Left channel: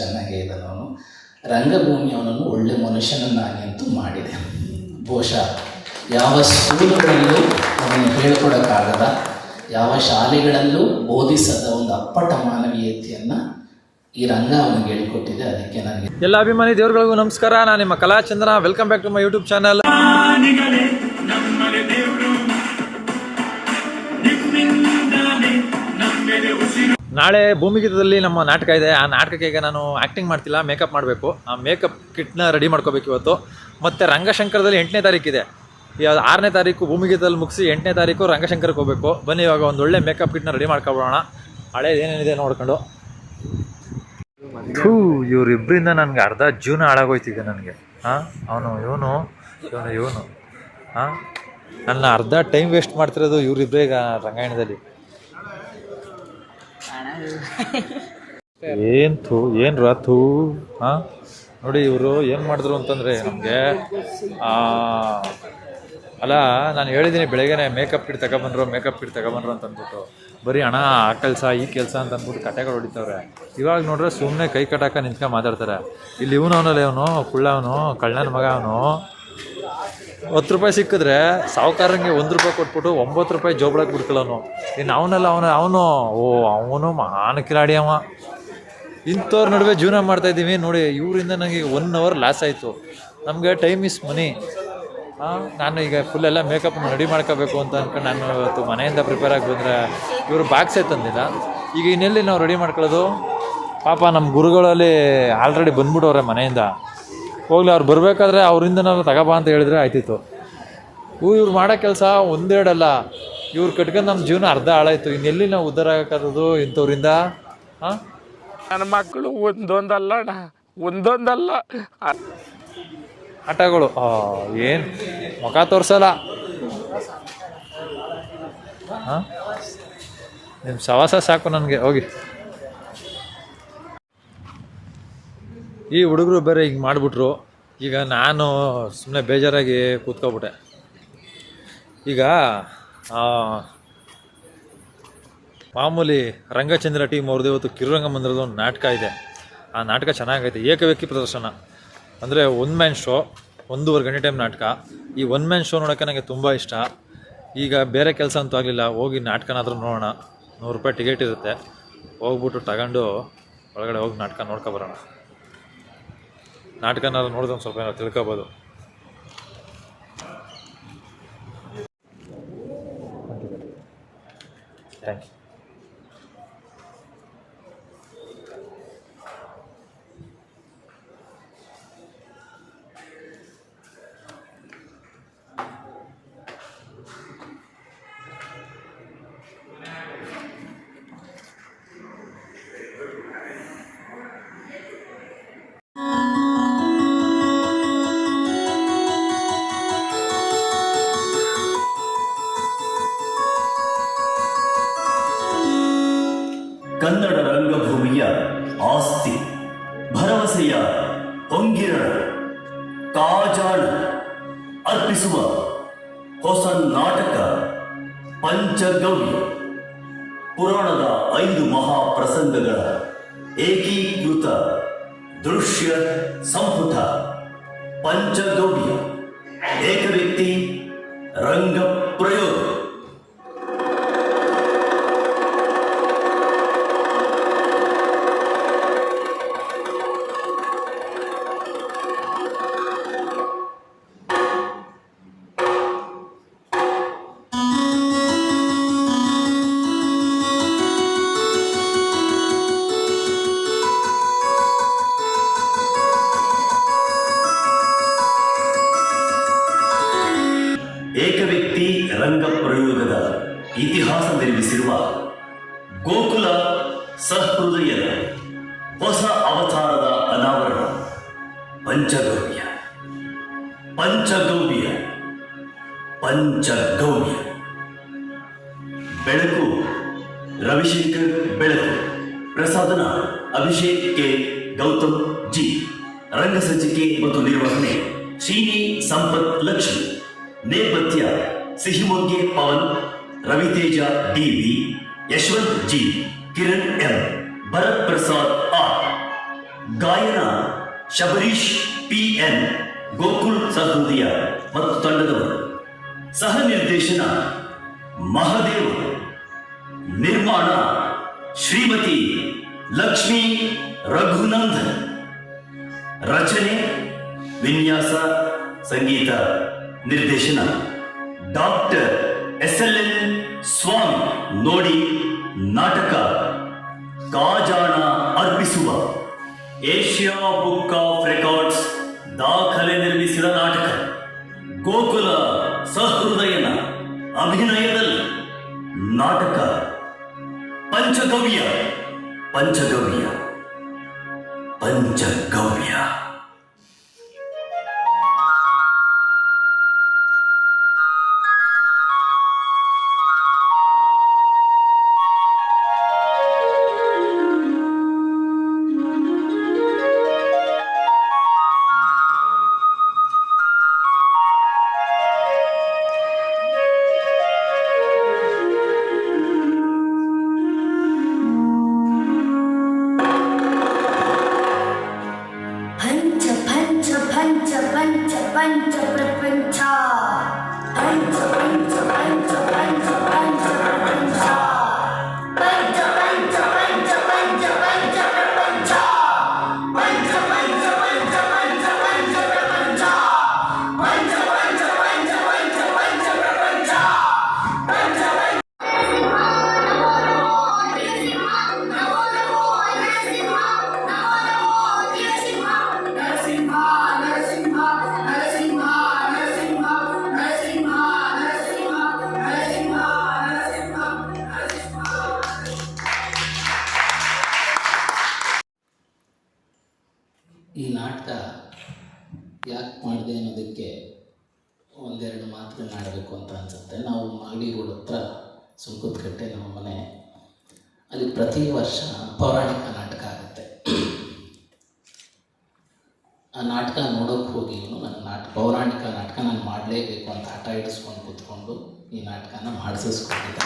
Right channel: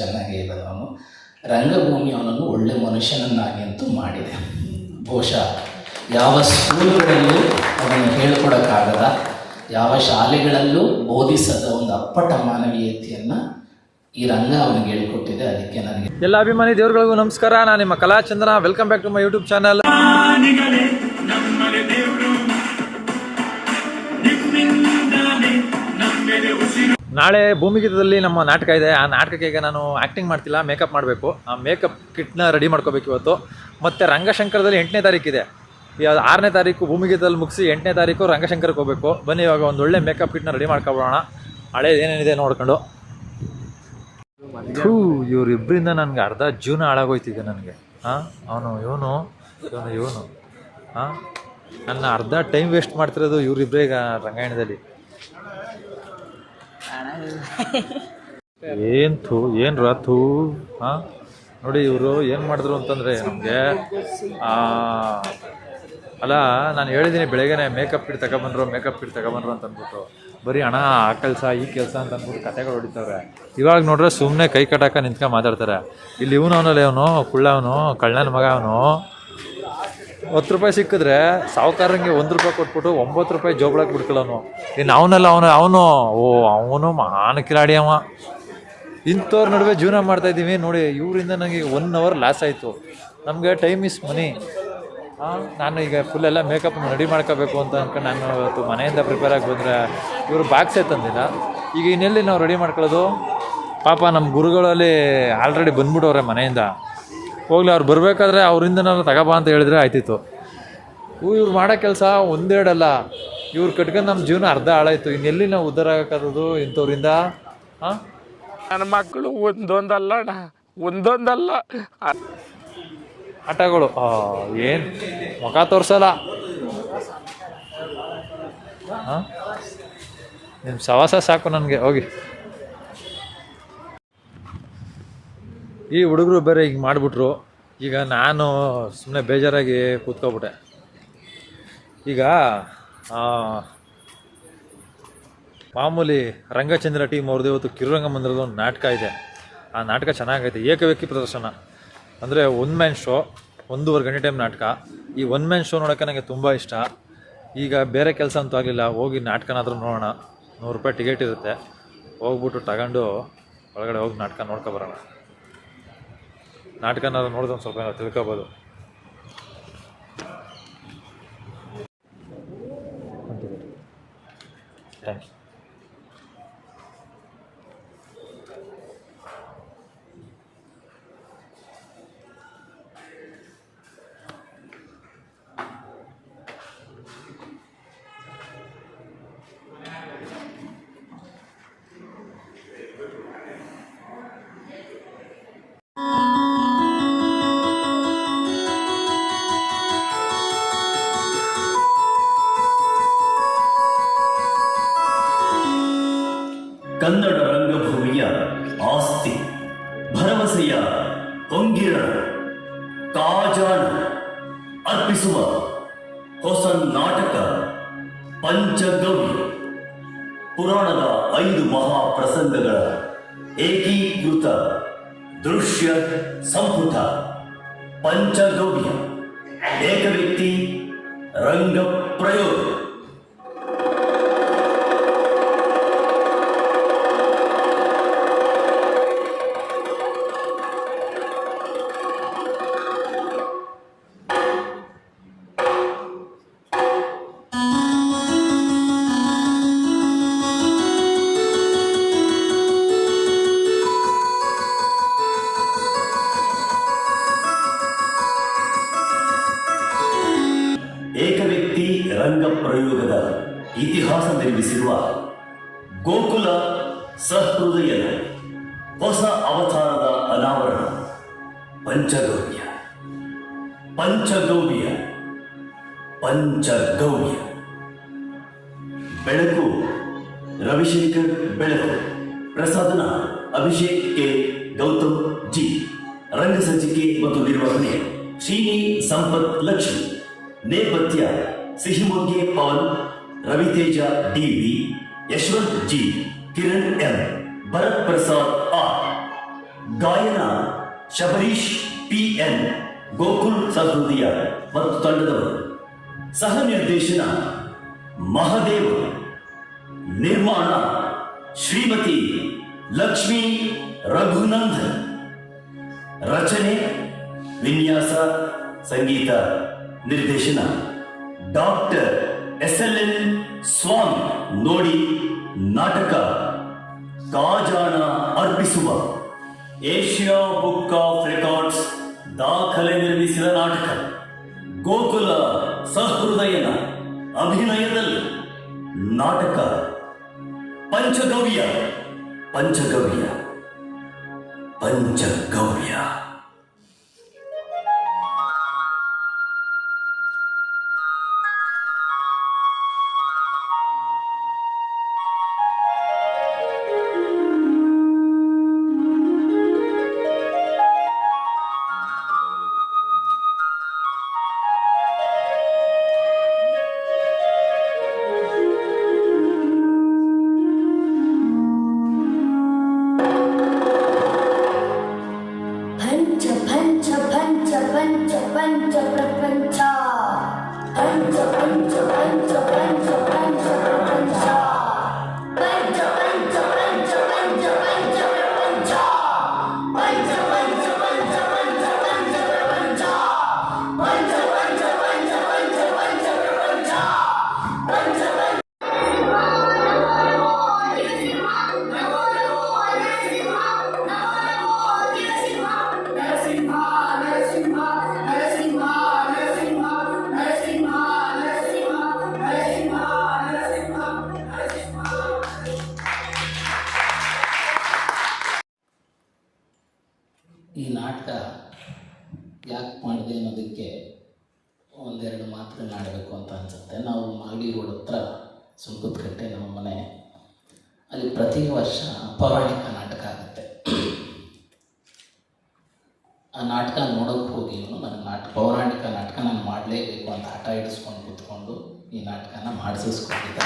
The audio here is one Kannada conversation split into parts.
ಚೆನ್ನಾಗೇ ಇದ್ದಾನೆ ಅವನು. ರಂಗಭೂಮಿ ಅವನನ್ನು ಒಳ್ಳೆ ಮನುಷ್ಯನನ್ನಾಗಿ ಅಂತೂ ಮಾಡಿದೆ. ಬಹುಶಃ ಯಾವ ಸ್ಕೂಲ್ಗಳಲ್ಲೂ ಅವನು ಹೇಳ್ಕೊಡೋಕ್ಕಾಗದ, ಯಾವ ಶಾಲೆಗಳಲ್ಲೂ ಬೋಧಿಸದ ಒಂದು ಅಪ್ಪಟ ಮಾನವೀಯತೆಯನ್ನು ಈ ರಂಗ ಅವನಿಗೆ ಹೇಳಿಕೊಟ್ಟಿದೆ. ಅದಕ್ಕೆ ನನಗೆ ಎಲ್ಲ ಅಭಿಮಾನಿ ದೇವರುಗಳಿಗೂ ನಮಸ್ಕಾರ. ನಾನು ನಿಮ್ಮ Kalachandra. Welcome back to my YouTube channel. ನಾಳೆ ಭೂಮಿಗೀತದಲ್ಲಿ ನಮ್ಮ ನಾಟಕ ಇದೆ. ಆ ನಾಟಕಕ್ಕೆ ಈಗ ನಾನು ಆ್ಯಕ್ಟಿಂಗ್ ಮಾಡ್ತಿಲ್ಲ, ಮೇಕಪ್ ಮಾಡಬೇಕು. ಆ ಮೇಕಪ್ ಕಿಟ್ನ ರೆಡಿ ಮಾಡ್ಕೋಬೇಕು ಇವತ್ತು. ಮತ್ತು ರಂಗಶಂಕರದಲ್ಲಿ 8ನೇ ತಾರೀಕಿದೆ. 6ನೇ ತಾರೀಕು ಭೂಮಿಗೀತದಲ್ಲಿ ಮುಗಿಸಿ 8ನೇ ತಾರೀಕು ರಂಗಶಂಕರಕ್ಕೆ ಹೋಗಬೇಕು. ಬನ್ನಿ ಇವಾಗ ಒಂದು ಒಳ್ಳೆ ಮೇಕಪ್ ಕಿಟ್ನ ರೆಡಿ ಮಾಡ್ಕೊಬೋಣ. ಹಳೇದು ಏನೇನಿದೆ ನೋಡ್ಕೊಂಡು. ಇವರಿಬ್ಬರಿಂದ ನನಗೆ ಅರ್ಧ ಜೀವನ ಹಾಳಾಗೋಯ್ತಿದೆ ನನಗೆ. ಇವನು ನನ್ನ ಅರ್ಧ ಟೈಮ್ ವೇಸ್ಟ್ ಮಾಡ್ತಿರೋದು ಇವರಿಬ್ಬರೇ ಈಗ ರಂಗಾಯಣದಲ್ಲಿ. ಏನು ರಾತು ನೋಡಿ ಇವರು ಏನು ಮಾಡಿದ್ರು ಅಂತಂದರೆ ನಮಗೆ ಅಲ್ಲ, ನಾನು ಹೇಳಿದ್ದೀನಿ ಬೆಳಗ್ಗೆನೆ ಮೇಕಪ್ ಕಿಟ್ ತಗೊಬಂದ್ರು ಅಂತ ಅಂದ್ಬಿಟ್ಟು ಬರೀ ಹಣ ಆ ಕೆಲಸ ಈ ಕೆಲಸ ಅಂತ ಅಂದ್ಬಿಟ್ಟು ಕತೆಗಳು ಹೊಡಿತವ್ರೆ. ಇವಾಗ ನೋಡ್ರೆ ಸುಮ್ಮನೆ ಕೈ ಕಟ್ಟಾಕ ನಿಂತ್ಕೊಂಡು ಮಾತಾಡ್ತಾರೆ. ಇಲ್ಲಿ ಅವನು ಕುಳ್ಳವನು ಕಳ್ಳನ ಮಗ. ಅವನು 10 ರೂಪಾಯಿ ಸಿಕ್ಕಿದ್ರೆ ಸಾವುಕಾರಂಗೆ 1 ರೂಪಾಯಿ ಕೊಟ್ಬಿಟ್ಟು 9 ರೂಪಾಯಿ ಜೋಬಳಕ್ಕೆ ಬಿಡ್ಕೊಳ್ಳೋನು. ಇನ್ನು ಅವನು ಮಹಾನ್ ಕಿಲಾಡಿ ಅವ. ಇಂಥವ್ರ ನಡುವೆ ಜೀವನ ಮಾಡ್ತಾಯಿದ್ದೀವಿ ನೋಡಿ. ಇವರಿಂದ ನನಗೆ 1 ಅವರ್ ಲಾಸ್ ಆಯಿತು. ನಮಗೆ ಟೈಮ್ ಇಸ್ ಮನಿ. ನಾನು ಈಗ ಫುಲ್ಲೆಲ್ಲ ಮೇಕಪ್ನ ರೆಡಿ ಮಾಡ್ಕೋಬೇಕು ಅಂತ ಅಂದ್ಕೊಂಡು ನಾನು ಇವತ್ತು ಮನೆಯಿಂದ ಪ್ರಿಪೇರ್ ಆಗಿ ಬಂದರೆ ಇವರು ಬಾಕ್ಸೇ ತಂದಿಲ್ಲ. ಈಗ ಇನ್ನೆಲ್ಲಿ ನಾವು ರೆಡಿ ಮಾಡ್ಕೊಳ್ಳೋದು? ಪಾಪ ನಮ್ಮ ಗುರುಗಳಲ್ಲಿ ಆಲ್ರೆಡಿ ಬಂದ್ಬಿಟ್ಟವ್ರೆ ಮನೆಯಿಂದ. ಹೋಗ್ಲಿ, ಅವ್ರು ಬರಬೇಕಾದ್ರೆ ಅವರಿಂದ ನಾನು ತಗೋಬಾ ಅಂತ ಹೇಳಿದ್ರೆ ಆಯ್ತಿತ್ತು. ಇವ್ರು ಮಾಡೋ ಕೆಲಸ ಒಂದೆರಡಲ್ಲ, ಇವ್ರು ಕಟ್ಕೊಂಡು ನಮ್ಮ ಜೀವನ ಅರ್ಧ ಹಾಳಾಯಿತು. ಇನ್ನೆಲ್ಲಿ ನಾವು ಉದ್ಧಾರ ಆಗೋಕ್ಕಾಗೋದು ಇಂಥವ್ರಿಂದ? ನನ್ನ ಮಕ್ಕಳು ಒಂದೊಂದಲ್ಲ ಆಟಗಳು ಏನು ಮುಖ ತೋರಿಸಲ್ಲ. ನಿಮ್ಮ ಸವಾಸ ಸಾಕು ನನಗೆ. ಹೋಗಿ, ಈ ಹುಡುಗರು ಬೇರೆ ಹಿಂಗೆ ಮಾಡಿಬಿಟ್ರು. ಈಗ ನಾನು ಸುಮ್ಮನೆ ಬೇಜಾರಾಗಿ ಕೂತ್ಕೊಬಿಟ್ಟೆ. ಈಗ ಮಾಮೂಲಿ ರಂಗಚಂದ್ರ ಟೀಮ್ ಅವ್ರದ್ದು ಇವತ್ತು ಕಿರುರಂಗ ಮಂದಿರದ ಒಂದು ನಾಟಕ ಇದೆ. ಆ ನಾಟಕ ಚೆನ್ನಾಗೈತೆ. ಏಕವ್ಯಕ್ತಿ ಪ್ರದರ್ಶನ ಅಂದರೆ 1 ಮ್ಯಾನ್ ಶೋ, 1.5 ಗಂಟೆ ಟೈಮ್ ನಾಟಕ. ಈ 1 ಮ್ಯಾನ್ ಶೋ ನೋಡೋಕ್ಕೆ ನನಗೆ ತುಂಬ ಇಷ್ಟ. ಈಗ ಬೇರೆ ಕೆಲಸ ಅಂತೂ ಆಗಲಿಲ್ಲ, ಹೋಗಿ ನಾಟಕನಾದರೂ ನೋಡೋಣ. 100 ರೂಪಾಯಿ ಟಿಕೆಟ್ ಇರುತ್ತೆ. ಹೋಗ್ಬಿಟ್ಟು ತಗೊಂಡು ಒಳಗಡೆ ಹೋಗಿ ನಾಟಕ ನೋಡ್ಕೊಬರೋಣ. ನಾಟಕನಾದ್ರು ನೋಡಿದ್ರೆ ಒಂದು ಸ್ವಲ್ಪ ಏನೋ ತಿಳ್ಕೊಬೋದು. ಥ್ಯಾಂಕ್ಸ್. ಕನ್ನಡ ರಂಗಭೂಮಿಯ ಆಸ್ತಿ, ಭರವಸೆಯ ಹೊಂಗಿರ ಕಾಜಾಣ ಅರ್ಪಿಸುವ ಹೊಸ ನಾಟಕ ಪಂಚಗವ್ಯ. ಪುರಾಣದ 5 ಮಹಾಪ್ರಸಂಗಗಳ ಏಕೀಕೃತ ದೃಶ್ಯ ಸಂಪುಟ ಪಂಚಗವ್ಯ. ಏಕವ್ಯಕ್ತಿ ರಂಗ ಪ್ರಯೋಗ. ಏಕವ್ಯಕ್ತಿ ರಂಗ ಪ್ರಯೋಗದ ಇತಿಹಾಸ ನಿರ್ಮಿಸಿರುವ ಗೋಕುಲ ಸಹೃದಯದ ಹೊಸ ಅವತಾರದ ಅನಾವರಣ ಪಂಚಗವ್ಯ. ಬೆಳಕು ರವಿಶಂಕರ್ ಬೆಳಕು, ಪ್ರಸಾದನ ಅಭಿಷೇಕ್ ಕೆ ಗೌತಮ್ ಜಿ, ರಂಗ ಸಂಚಿಕೆ ಮತ್ತು ನಿರ್ವಹಣೆ ಶ್ರೀನಿ ಸಂಪತ್ ಲಕ್ಷ್ಮಿ, ನೇಪಥ್ಯ Sihimogge Pavan, Raviteja DV, Yashwanth G, Kiran M, Bharath Prasad R, ಗಾಯನ ಶಬರೀಶ್ PN, ಗೋಕುಲ್ ಸಹೃದಯ ಮತ್ತು ತಂಡದವರು. ಸಹ ನಿರ್ದೇಶನ ಮಹದೇವ್. ನಿರ್ಮಾಣ ಶ್ರೀಮತಿ ಲಕ್ಷ್ಮೀ ರಘುನಂದನ್. ರಚನೆ, ವಿನ್ಯಾಸ, ಸಂಗೀತ ನಿರ್ದೇಶನ ಡಾಕ್ಟರ್ SLN ಸ್ವಾಮಿ. ನೋಡಿ ನಾಟಕ ಕಾಜಾಣ ಅರ್ಪಿಸುವ ಏಷ್ಯಾ ಬುಕ್ ಆಫ್ ರೆಕಾರ್ಡ್ಸ್ ದಾಖಲೆ ನಿರ್ಮಿಸಿದ ನಾಟಕ. ಗೋಕುಲ ಸಹೃದಯನ ಅಭಿನಯದಲ್ಲಿ ನಾಟಕ ಪಂಚಗವ್ಯ ಪಂಚಗವ್ಯ ಪಂಚಗವ್ಯ. ಈ ನಾಟಕ ಯಾಕೆ ಮಾಡಿದೆ ಅನ್ನೋದಕ್ಕೆ ಒಂದೆರಡು ಮಾತುಗಳನ್ನಾಡಬೇಕು ಅಂತ ಅನಿಸುತ್ತೆ. ನಾವು ಮಾಗಡಿ ರೋಡ್ ಹತ್ರ ಸುಂಕುತ್ಕಟ್ಟೆ ನಮ್ಮ ಮನೆ. ಅಲ್ಲಿ ಪ್ರತಿ ವರ್ಷ ಪೌರಾಣಿಕ ನಾಟಕ ಆಗುತ್ತೆ. ಆ ನಾಟಕ ನೋಡೋಕ್ಕೆ ಹೋಗಿ ನನ್ನ ಪೌರಾಣಿಕ ನಾಟಕ ನಾನು ಮಾಡಲೇಬೇಕು ಅಂತ ಹಠ ಹಿಡಿಸ್ಕೊಂಡು ಕೂತ್ಕೊಂಡು ಈ ನಾಟಕನ ಮಾಡಿಸಿಸ್ಕೊಂಡಿದ್ದೆ.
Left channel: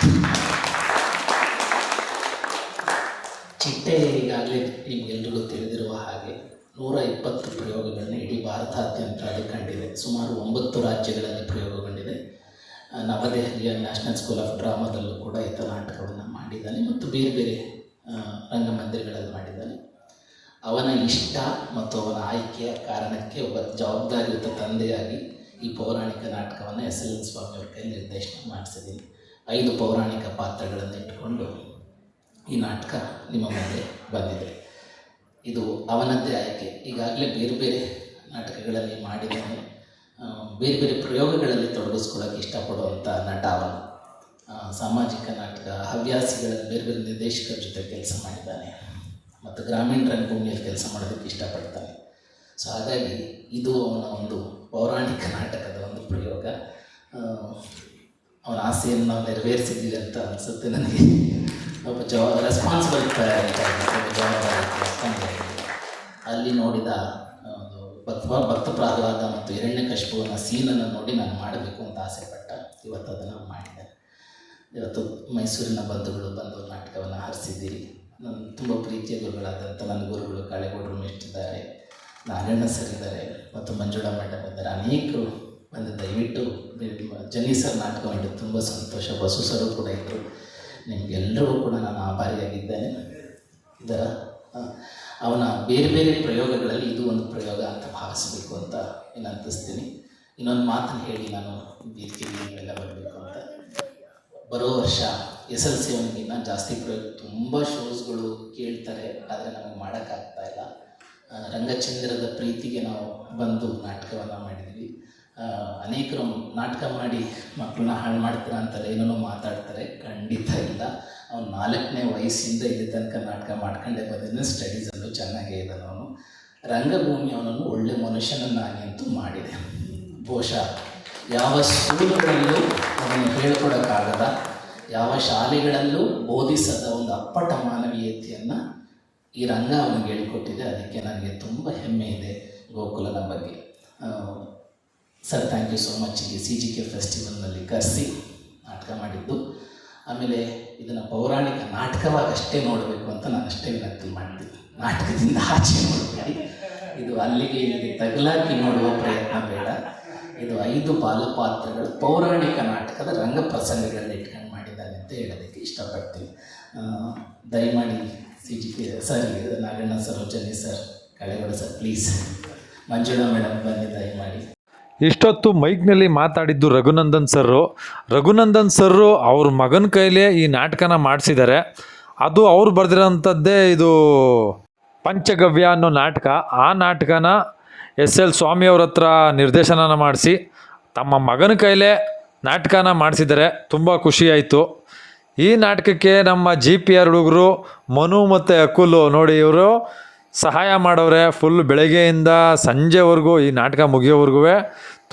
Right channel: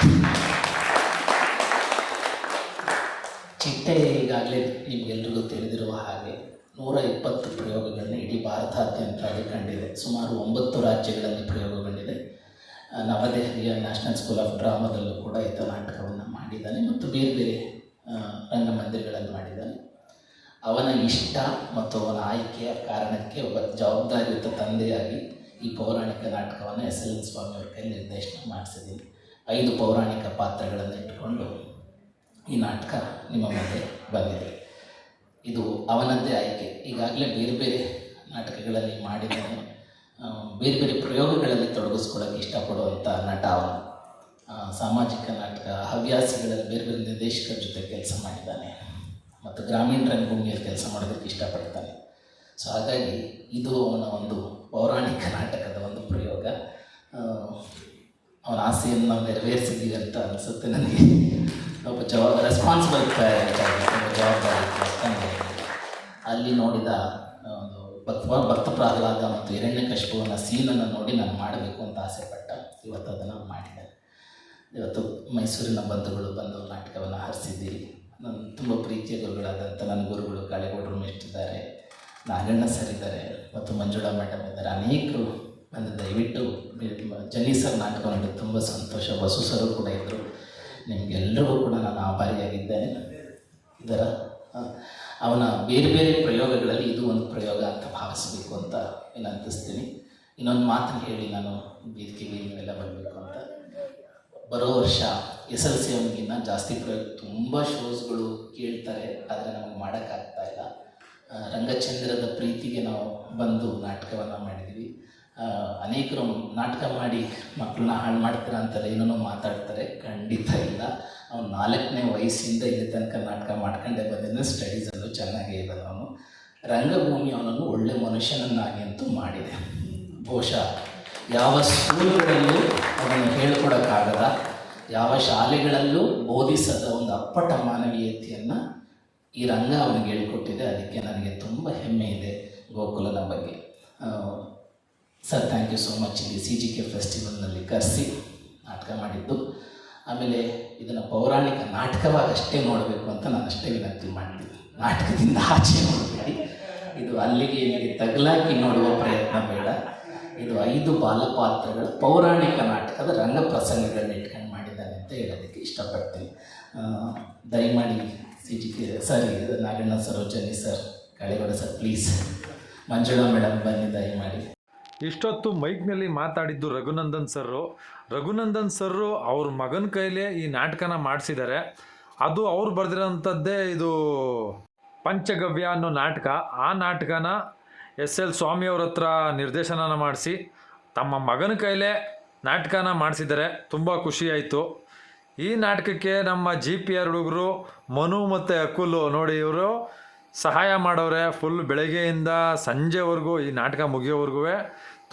ಚಿಟ್ಟೆ ಈಗಾಗಲೇ ನಿಮಗೆಲ್ರಿಗೂ ತಿಳಿದಿರುವ ಹಾಗೆ 120 ಪ್ರಯೋಗಗಳನ್ನ ಇಡೀ ಭಾರತಾದ್ಯಂತ ಅದು ಕಂಡಿದೆ. ಸುಮಾರು 9 ರಾಜ್ಯಗಳಲ್ಲಿ ಪ್ರಯೋಗಗೊಂಡಿದೆ. ನವದೆಹಲಿಯ ನ್ಯಾಷನಲ್ ಸ್ಕೂಲ್ ಆಫ್ ಡ್ರಾಮಾದಲ್ಲೂ ಕೂಡ ಈತ ನಾಟಕವನ್ನು ಮಾಡಿದ್ದಾನೆ ಮತ್ತು ಬೇರೆ ಬೇರೆ ರಂಗಮಂದಿರಗಳಲ್ಲಿ ಮಾಡಿದ್ದಾನೆ. ಅವನ ಇಷ್ಟ ಮತ್ತು ಅವನ ಆಯ್ಕೆಯ ಕಾರಣಕ್ಕೆ ಒಬ್ಬ ಜವಾಬ್ದಾರಿಯುತ ತಂದೆಯಾಗಿ ಈ ಪೌರಾಣಿಕ ನಾಟಕವನ್ನು SLN ಸ್ವಾಮಿ ಅವ್ರ ಕೈ ನಿರ್ದೇಶನ ಮಾಡಿಸಿದ್ದೀನಿ. 5 ಪೌರಾಣಿಕ ಪಾತ್ರಗಳನ್ನು ಇಟ್ಟುಕೊಂಡು ಈ ನಾಟಕ ನಿಮ್ಮ ಮುಂದೆ ಬಂದಿದೆ. ಇದು ಅವನದ್ದೇ ಆಯ್ಕೆ. ಈಗಾಗಲೇ ಬೇರೆ ಬೇರೆ ನಾಟಕಗಳಲ್ಲಿ ಮಾಡಿದ್ದಾನೆ. ಬೇರೆ ಬೇರೆ ಪ್ರಯೋಗಗಳಲ್ಲಿ ತೊಡಗಿಸ್ಕೊಳ್ಳೋಕ್ಕೆ ಇಷ್ಟಪಡುವಂಥ ನಟ ಅವನು. ಸಾಮಾಜಿಕ ನಾಟಕ, ಹವ್ಯಾಸಿಗಳಲ್ಲಿ ಬೇರೆ ಬೇರೆ ನಿರ್ದೇಶಕರ ಜೊತೆ ಕೆಲಸ ಮಾಡಿದ್ದಾನೆ ಮತ್ತು ಗ್ರಾಮೀಣ ರಂಗಭೂಮಿಯಲ್ಲಿ ಕೆಲಸ ಮಾಡೋದಕ್ಕೆ ಇಷ್ಟಪಡ್ತಾನೆ. ಸೊ ಹಾಗಾಗಿ ಇದು ಅವನ ಒಂದು ಪೌರಾಣಿಕ ನಾಟಕದ ಒಂದು ಪ್ರಯೋಗ. ಅವನ ಆಸೆಯನ್ನು ನಾವು ನೆರವೇರಿಸಿದ್ದೀವಿ ಅಂತ ಅನಿಸುತ್ತೆ ನನಗೆ. ಒಬ್ಬ ರೆಸ್ಪಾನ್ಸಿಬಲ್ ಜವಾಬ್ದಾರಿ. ಅಲ್ಲಿ ನೋಡಿದ ಭಕ್ತ ಪ್ರಹ್ಲಾದ ಮತ್ತು ಹಿರಣ್ಯಕಶಿಪುವಿನ ಸೀನನ್ನು ನೋಡಿ ನಾನು ಮಾಡಬೇಕು ಅಂತ ಆಸೆಪಟ್ಟ. ಇವತ್ತು ಅದನ್ನು ಮಾಡಿದೆ. ಇವತ್ತು ಮೈಸೂರಿನ ಬಂಧುಗಳು ಬಂದು ನಾಟಕವನ್ನು ಹರಿಸಿದ್ದೀರಿ. ನನ್ನ ತುಂಬ ಪ್ರೀತಿಯ ಗುರುಗಳಾದಂಥ ನನ್ನ ಗುರುಗಳು ಕಾಳೇಗೌಡರು ಮೆಚ್ಚಿದ್ದಾರೆ, ನಾಗಣ್ಣ ಸರ್ ಇದ್ದಾರೆ ಮತ್ತು ಮಂಜುಳಾ ಮೇಡಮ್ ಇದ್ದಾರೆ. ಅನೇಕರು ಬಂದು ದಯವಿಟ್ಟು ಜನಿ ಸರ್ ನಾಟಕ ನೋಡಿ ತುಂಬ ಸಂತೋಷ. ಬಸು ಸರು ಕೂಡ ಇದ್ದರು. ನಿಮಗೆಲ್ಲರೂ ಕೂಡ ನಾನು ಆಭಾರಿಯಾಗಿದ್ದೇನೆ. ಇದರ ಅವನ ಬೇರೆ ಬೇರೆ ಪ್ರಯೋಗಗಳಲ್ಲಿ ಇದು ಒಂದು ಪ್ರಯೋಗ ಅಂತ ಭಾವಿಸಬೇಕು ಅಂತ ಏನು ಅಂತಿಸ್ತೀನಿ. ಇನ್ನೊಂದು ಮಾತನ್ನು ಹೇಳಿ ನಾನು ವೇದಿಕೆಗೆ ಎಲ್ಲ ಬರಬೇಕು ಅಂತ. ಬರೋ ವರ್ಷ SLC ಅವನಿಗಿನ್ನ ಜಾಸ್ತಿ ಪ್ರಯೋಗ, ತುಂಬ ಶೋಸ್ಗಳು ಕೇಳ್ತಾರೆ, ಆದರೆ ನಮಗೆ ಮಾಡೋಕ್ಕಾಗ್ತಾಯಿಲ್ಲ. ರಂಗಚಂದ್ರದ ಪ್ರೀತಿಗೆ ನಾವು ಬಂದು ನಾಟಕವನ್ನು ಮಾಡಿದ್ವಿ. ಅನೇಕರು ನಾಟಕ ಮಾಡಿ ಮಕ್ಕಳನ್ನ ಹಾಳು ಮಾಡ್ತಾರೆ ಅಂತಾರೆ, ಏನೇನೋ ಮಾತಾಡ್ತಾರೆ. ಖಂಡಿತ ಇಲ್ಲ. ಅವನು 4ನೇ ವಯಸ್ಸಿಂದ ಇಲ್ಲಿ ತನಕ ನಾಟಕ ಮಾಡ್ಕೊಂಡೇ ಬಂದಿದ್ದು. ಸ್ಟಡೀಸಲ್ಲೂ ಚೆನ್ನಾಗೇ ಇದ್ದಾನೆ ಅವನು. ರಂಗಭೂಮಿ ಅವನನ್ನು ಒಳ್ಳೆ ಮನುಷ್ಯನನ್ನಾಗಿ ಅಂತೂ ಮಾಡಿದೆ. ಬಹುಶಃ ಯಾವ ಸ್ಕೂಲ್ಗಳಲ್ಲೂ ಅವನು ಹೇಳ್ಕೊಡೋಕ್ಕಾಗದ, ಯಾವ ಶಾಲೆಗಳಲ್ಲೂ ಬೋಧಿಸದ ಒಂದು ಅಪ್ಪಟ ಮಾನವೀಯತೆಯನ್ನು ಈ ರಂಗ ಅವನಿಗೆ ಹೇಳಿಕೊಟ್ಟಿದೆ. ಅದಕ್ಕೆ ನನಗೆ ತುಂಬ ಹೆಮ್ಮೆ ಇದೆ ಗೋಕುಲನ ಬಗ್ಗೆ. Sir, thank you so much. ಇಲ್ಲಿ CGK ಫೆಸ್ಟಿವಲ್ನಲ್ಲಿ ಕರೆಸಿ ನಾಟಕ ಮಾಡಿದ್ದು. ಆಮೇಲೆ ಇದನ್ನು ಪೌರಾಣಿಕ ನಾಟಕವಾಗಿ ಅಷ್ಟೇ ನೋಡಬೇಕು ಅಂತ ನಾನು ಅಷ್ಟೇ ವಿನಂತಿ ಮಾಡ್ತೀನಿ. ನಾಟಕದಿಂದ ಆಚೆ ನೋಡಬೇಡಿ. ಅಲ್ಲಿಗೆ ಇಲ್ಲಿಗೆ ತಗಲಾಕಿ ನೋಡುವ ಪ್ರಯತ್ನ ಬೇಡ. ಇದು 5 ಬಾಲಪಾತ್ರಗಳ ಪೌರಾಣಿಕ ನಾಟಕದ ರಂಗ ಪ್ರಸಂಗಗಳನ್ನ ಇಟ್ಕೊಂಡು ಮಾಡಿದ್ದಾನೆ ಅಂತ ಹೇಳೋದಕ್ಕೆ ಇಷ್ಟಪಡ್ತೀನಿ. ದಯಮಾಡಿ CGK sir, Naganna Sarojini sir, Kalegowda sir, please, Manjula madam ಬನ್ನಿ ದಯಮಾಡಿ. ಇಷ್ಟೊತ್ತು ಮೈಕ್ನಲ್ಲಿ ಮಾತಾಡಿದ್ದು ರಘುನಂದನ್ ಸರ್ರು ಅವ್ರ ಮಗನ ಕೈಲೇ ಈ ನಾಟಕನ ಮಾಡಿಸಿದ್ದಾರೆ. ಅದು ಅವ್ರು ಬರೆದಿರೋಂಥದ್ದೇ ಇದು ಪಂಚಗವ್ಯ ಅನ್ನೋ ನಾಟಕ. ಆ ನಾಟಕನ SL ಸ್ವಾಮಿಯವ್ರ ಹತ್ರ ನಿರ್ದೇಶನ ಮಾಡಿಸಿ ತಮ್ಮ ಮಗನ ಕೈಲೇ ನಾಟಕನ ಮಾಡಿಸಿದ್ದಾರೆ. ತುಂಬ ಖುಷಿಯಾಯಿತು. ಈ ನಾಟಕಕ್ಕೆ ನಮ್ಮ GPR ಹುಡುಗರು ಮನು ಮತ್ತು ಅಕುಲು ನೋಡಿ, ಇವರು ಸಹಾಯ ಮಾಡವ್ರೆ. ಫುಲ್ ಬೆಳಗ್ಗೆಯಿಂದ ಸಂಜೆವರೆಗೂ ಈ ನಾಟಕ ಮುಗಿಯೋವರೆಗೂ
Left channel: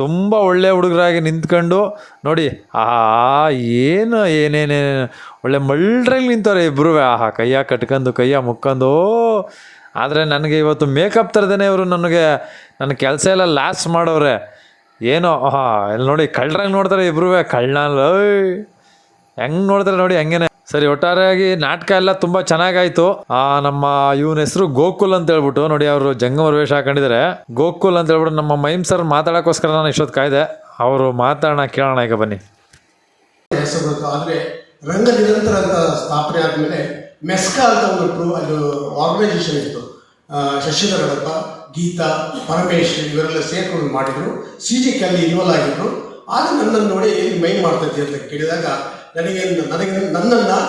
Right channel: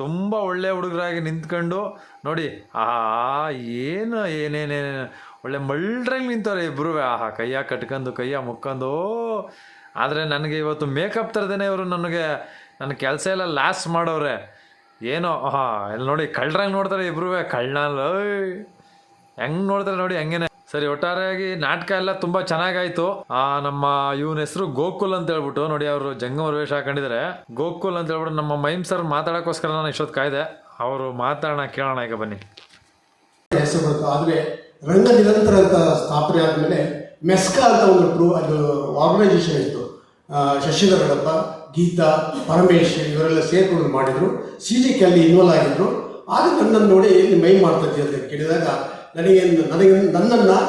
ತುಂಬ ಒಳ್ಳೆ ಹುಡುಗರಾಗಿ ನಿಂತ್ಕೊಂಡು ನೋಡಿ, ಏನೇನು ಒಳ್ಳೆ ಮಳ್ಳ್ರಲ್ಲಿ ನಿಂತವ್ರೆ ಇಬ್ಬರು. ಕೈಯ ಕಟ್ಕೊಂಡು ಕೈಯ ಮುಕ್ಕೊಂಡು. ಆದರೆ ನನಗೆ ಇವತ್ತು ಮೇಕಪ್ ಥರದೇ ಇವರು ನನ್ನ ಕೆಲಸ ಎಲ್ಲ ಲಾಸ್ ಮಾಡವ್ರೆ. ಏನೋ ಇಲ್ಲಿ ನೋಡಿ, ಕಳ್ಳರಂಗೆ ನೋಡ್ತಾರೆ ಇಬ್ಬರು. ಕಳ್ಳನಲ್ಲ ಹೆಂಗೆ ನೋಡ್ತಾರೆ ನೋಡಿ, ಹಂಗೇನೆ. ಸರಿ, ಒಟ್ಟಾರೆಯಾಗಿ ನಾಟಕ ಎಲ್ಲ ತುಂಬ ಚೆನ್ನಾಗಾಯಿತು. ನಮ್ಮ ಇವನ ಹೆಸರು ಗೋಕುಲ್ ಅಂತ ಹೇಳ್ಬಿಟ್ಟು ನೋಡಿ, ಅವರು ಜಂಗಮ ವೇಷ ಹಾಕೊಂಡಿದ್ದಾರೆ. ಗೋಕುಲ್ ಅಂತ ಹೇಳ್ಬಿಟ್ಟು ನಮ್ಮ ಮೈಮ್ ಸರ್ ಮಾತಾಡೋಕ್ಕೋಸ್ಕರ ನಾನು ಇಷ್ಟೊತ್ತು ಕಾಯ್ದೆ. ಅವರು ಮಾತಾಡೋಣ, ಕೇಳೋಣ ಈಗ ಬನ್ನಿ. ಹೆಸರು ಆದರೆ ರಂಗ ನಿರಂತರ ಅಂತ ಸ್ಥಾಪನೆ ಆದಮೇಲೆ ಮೆಸ್ಕಾ ಅಂತ ಒಂದು ಅದು ಆರ್ಗನೈಸೇಷನ್ ಇತ್ತು. ಶಶಿಧರ ಗಡಪ, ಗೀತಾ, ಪರಮೇಶ್ ಇವರೆಲ್ಲ ಸೇರ್ಕೊಂಡು ಮಾಡಿದರು. CGK ಅಲ್ಲಿ ಇನ್ವಾಲ್ವ್ ಆಗಿದ್ರು. ಆಗ ನನ್ನನ್ನು ನೋಡಿ ಮೈಮ್ ಮಾಡ್ತೈತಿ ಅಂತ ಕೇಳಿದಾಗ ನನ್ನನ್ನು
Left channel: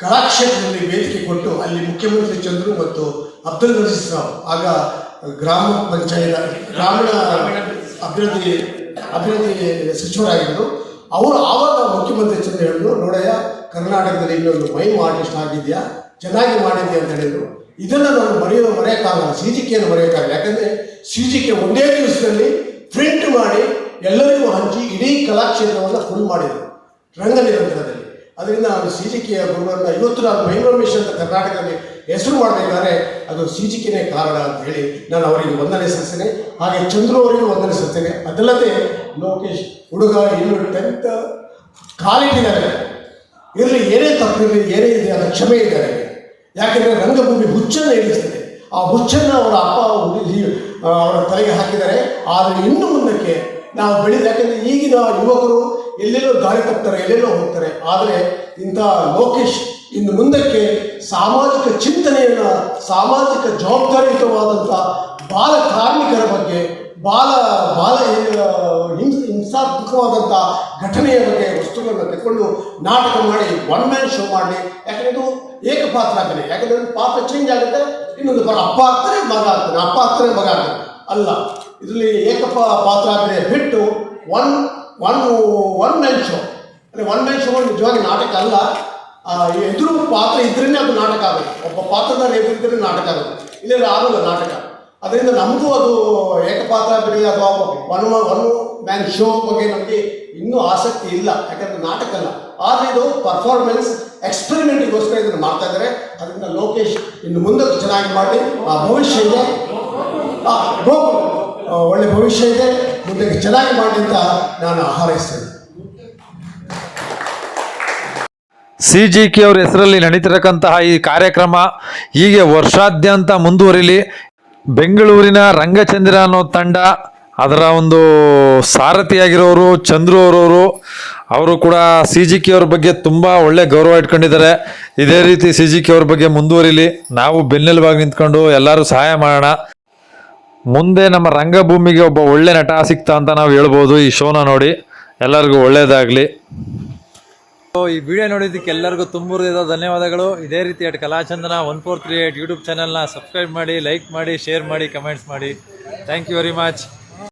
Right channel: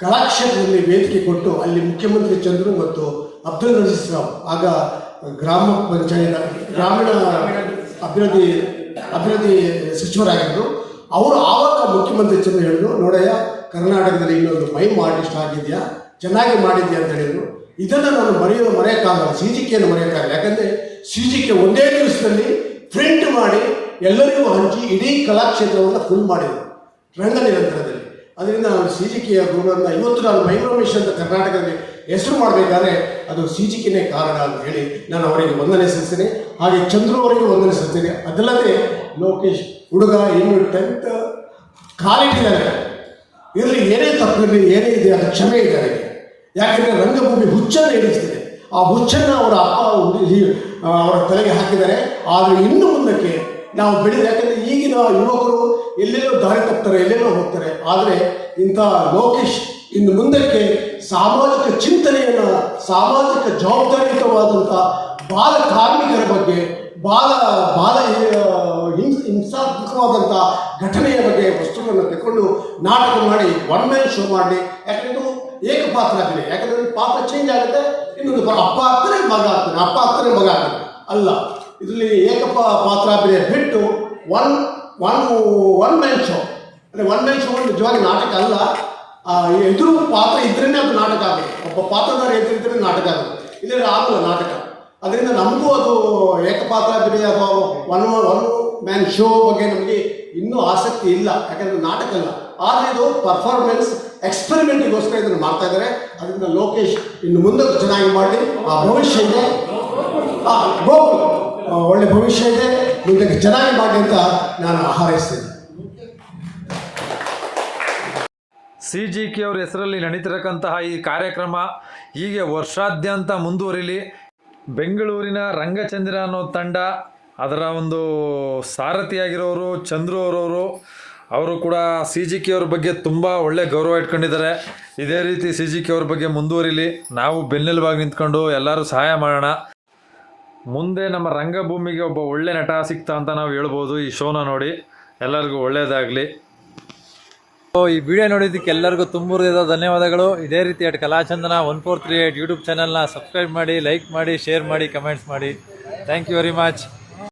ಕಲಾಕ್ಷೇತ್ರದಲ್ಲಿ ವೇದಿಕೆ ಕೊಟ್ಟು ಅಲ್ಲಿ ಮುಖ್ಯಮಂತ್ರಿ ಚಂದ್ರು ಮತ್ತು ಅಬ್ದುಲ್ ನಜೀರ್ ರಾವ್, ಆಗ ಗ್ರಾಮೀಣ ಅಭಿವೃದ್ಧಿ ಸಚಿವರಾಗಿದ್ದರು, ಅವರು ಆವಾಗ ಮುಖ್ಯಮಂತ್ರಿ ಚಂದ್ರ ಹೇಳಿದ್ರು, ನೋಡಯ್ಯ ಕರ್ನಾಟಕದಲ್ಲಿ ಇನ್ನೊಂದು ಮೈಮ್ ಆರ್ಟಿಸ್ಟ್ ಆಗಿದೆಯಾ, ಚೆನ್ನಾಗಿ ಮಾಡಿದ್ಯಾ ಅಂತ ಹೇಳಿದರು. ಇದನ್ನು ನಾನು ಮರೆಯೋಕ್ಕಾಗಲ್ಲ, CGKಯನ್ನು ಮರೆಯೋಕ್ಕಾಗಲ್ಲ. ಯಾಕಂದರೆ CGK ಒಂದೇ ದಿವಸದಲ್ಲಿ ಪ್ರಿಂಟ್ ಮಾಡಿ ಎಲ್ಲರಿಗೂ ಹಂಚಿ ಇಡೀ ಕಲಾಕ್ಷೇತ್ರವನ್ನು ಫುಲ್ ಮಾಡಿದರು ರಂಗ ನಿರಂತರದಲ್ಲಿ. ಅದರಿಂದ ನಾನು CGKಯ ಗುರುವನ್ನ ಇವತ್ತು ನಾನು ಮೈಮ್ ರಮೇಶ್ ಅಂತ ಕರ್ನಾಟಕದಲ್ಲಿ ಹೆಸರು ಮಾಡಬೇಕಾದ್ರೆ ಅದು CGKನೇ ಕಾರಣ ಅಂತ ಹೇಳಿ ನಾನು ಅವರಿಗೆ ವಂದನೆ ಸಲ್ಲಿಸ್ತೇನೆ. ಹಾಗೆ ಚಂದ್ರು ಅವರಿಗೂ ವಂದನೆ ಸಲ್ಲಿಸ್ತೇನೆ. ಅದಲ್ಲದೆ ಲೋಕೇಶ್ ಹುಡುಗ ಇನ್ನು 10th ಕಾಲಿಟ್ಟಿದ್ದಾರೆ, ಇರಲಿ, ಏನೇ ತಪ್ಪಿರಲಿ, ಏನೇ ಇದೆ ಅದರ ಕ್ಷಮೆ ಇದೆ ಅವರಿಗೆ. ಯಾಕೆಂದರೆ ರಂಗಭೂಮಿ ಹುಚ್ಚನ್ನು ಹಿಡಿಸ್ತಿದೆ. ಆ ಹುಚ್ಚನ್ನು ಅವರ ಅಪ್ಪ ಅವರ ತಲೆಗೆ ಹಾಕಿದ್ದಾರೆ. ಆದರೆ ಇನ್ನು ಮುಂದಕ್ಕೆ ನಾವು ಬೆಳೆದ, ಯಾಕೆಂದರೆ ಈಗಿನ ಯುವಕರು ಎಲ್ಲೆಲ್ಲೋ ದಾರಿ ತಪ್ತಾರೆ, ಎಲ್ಲೆಲ್ಲೋ ಹೋಗ್ತಾರೆ. ಆದರೆ ಇಂಥ ಲೋಕೇಶ್ ಇನ್ನು ಮುಂದಕ್ಕೆ ಸಾಮಾಜಿಕ ಚಿಂತನೆಯನ್ನು, ಸಾಮಾಜಿಕ ಜವಾಬ್ದಾರಿಯುತವಾದಂಥ ಬಾಲ ಕಾರ್ಮಿಕರ ಬಗ್ಗೆ, ಹಿಂಸಾತ್ಮಕವಾದಂಥ ಘಟನೆಯ ಬಗ್ಗೆ ವಸ್ತುಗಳನ್ನು ತೆಗೆದುಕೊಂಡು ನಾಟಕ ಮಾಡಿ ಒನ್ ಮ್ಯಾನ್ ಶೋ ಮಾಡಲಿ. ಯಾಕಂದರೆ ಇದು ಏಕಪಾತ್ರ ಅಭಿನಯ. ಯಾಕಂದರೆ ಒಂದು ಪಾತ್ರ ಚೇಂಜ್ ಆಗುತ್ತೆ, ಇನ್ನೊಂದು ಅಪ್ಪ ಆಗ್ತಾರೆ, ಮಗ ಆಗ್ತಾನೆ, ಅಪ್ಪ ಆಗ್ತಾನೆ, ಮಗ ಆಗ್ತಾನೆ ಅಲ್ಲ. ಇದರಲ್ಲಿ ಪಾತ್ರ ಅಭಿನಯ ಬಿಟ್ಟು ಒನ್ ಮ್ಯಾನ್ ಶೋ. ಅಂದರೆ ಒನ್ ಮ್ಯಾನ್ ಶೋ ನಿಜವಾಗಿ ನಾಟಕ ಅಲ್ಲ. ಎದುರು ಪಾತ್ರ ಇದ್ರೇ ಅದು ನಾಟಕ ಆಗುತ್ತೆ. ಒಬ್ಬ ಪಾತ್ರಧಾರ ಎದುರಿದ್ರೆ ನಾಟಕ ಆಗುತ್ತೆ, ಇಲ್ಲದ್ರೆ ಆಗಲ್ಲ ನಾಟಕ. ಅದರಿಂದ ನಮಗೂ ಅದು ಏಕಪಾತ್ರ ಅಭಿನಯ ಅಥವಾ ಒನ್ ಮ್ಯಾನ್ ಶೋ ಬಗ್ಗೆ ನಮಗೆ ಇನ್ನೂ ಆಸಕ್ತಿ ಇಲ್ಲ. ಯಾಕಂದರೆ ನಾಟಕ ಅಲ್ಲ. ಆದರೆ ಇದು ಪರ್ಫಾರ್ಮೆನ್ಸ್ ಎಕ್ಸ್ಪೆರಿಮೆಂಟಿಗೋಸ್ಕರ ಇದನ್ನು ಮಾಡ್ತಾ ಇದ್ದಾರೆ. ಅದರಿಂದ ಲೋಕೇಶ್ ಇನ್ನು ಮುಂದಕ್ಕೆ ಚೆನ್ನಾಗಿ ಮಾಡಿ, ಆ ಭವಿಷ್ಯ ಇದೆ, ಒಳ್ಳೆ ಭವಿಷ್ಯ ಇದೆ, ಮುಂದಕ್ಕೆ ಚೆನ್ನಾಗಿ ಮಾಡಿ ಅಂತ ನಾನು ಹಾರೈಸ್ತೇನೆ. CGK ಅವ್ರ ಹೆಸರಲ್ಲಿ ನಡೀತಿರಕ್ಕಂತಹ ಈ ಕಾರ್ಯಕ್ರಮ ಹೀಗೆ ವರ್ಷಾದ್ಯಂತ ಮುಂದುವರಿಲಿ. ಬೆಂಗಳೂರಿನ ರಂಗಚಂದ್ರ ಅನ್ನೋ ತಂಡ, ಅದರ ಒಂದು ಸಾರಥಿಯಾಗಿರೋರು ಚಂದ್ರು ಅವರು ಕೂಡ CGK ಅವ್ರ ಬಗ್ಗೆ ತುಂಬ ಒಳ್ಳೆ ಗೌರವ ಇಟ್ಕೊಂಡಿದ್ದಾರೆ. ಇದೇ ರೀತಿ CGK ಅವ್ರ ಬಗ್ಗೆ ಮುಂದುವರಿಲಿ. ನಾವು ಬೆನ್ನೆಲುಬಾಗಿ ನಿಂತ್ಕೊಂಡು ಎಲ್ಲರೂ ಸಹಾಯ ಮಾಡೋಣ. ಮುಂದೆ ನಮ್ಮ ರಂಗಭೂಮಿಗೆ ಒಬ್ಬ ಒಳ್ಳೆ ನಟ ಸಿಗ್ತಾ ಅಂತ ನಾವು ಹೇಳ್ಬೋದು ಈ ಶೋನ ನೋಡಿ. ಎಲ್ಲರಿಗೂ ಒಳ್ಳೆಯದಾಗಲಿ. ಈ ವಿಡಿಯೋ ನೋಡಿದ್ದಕ್ಕೆ ಎಲ್ಲರಿಗೂ ತುಂಬ ಧನ್ಯವಾದಗಳು. ಇದೇ ರೀತಿ ಕಲಾಚಂದನ 1438 ಯೂಟ್ಯೂಬ್ ಚಾನಲ್ನ ಸಬ್ಸ್ಕ್ರೈಬ್ ಮಾಡಿ, ಲೈಕ್ ಮಾಡಿ, ಶೇರ್ ಮಾಡಿ, ಕಮೆಂಟ್ಸ್ ಮಾಡಿ. Thank you very much.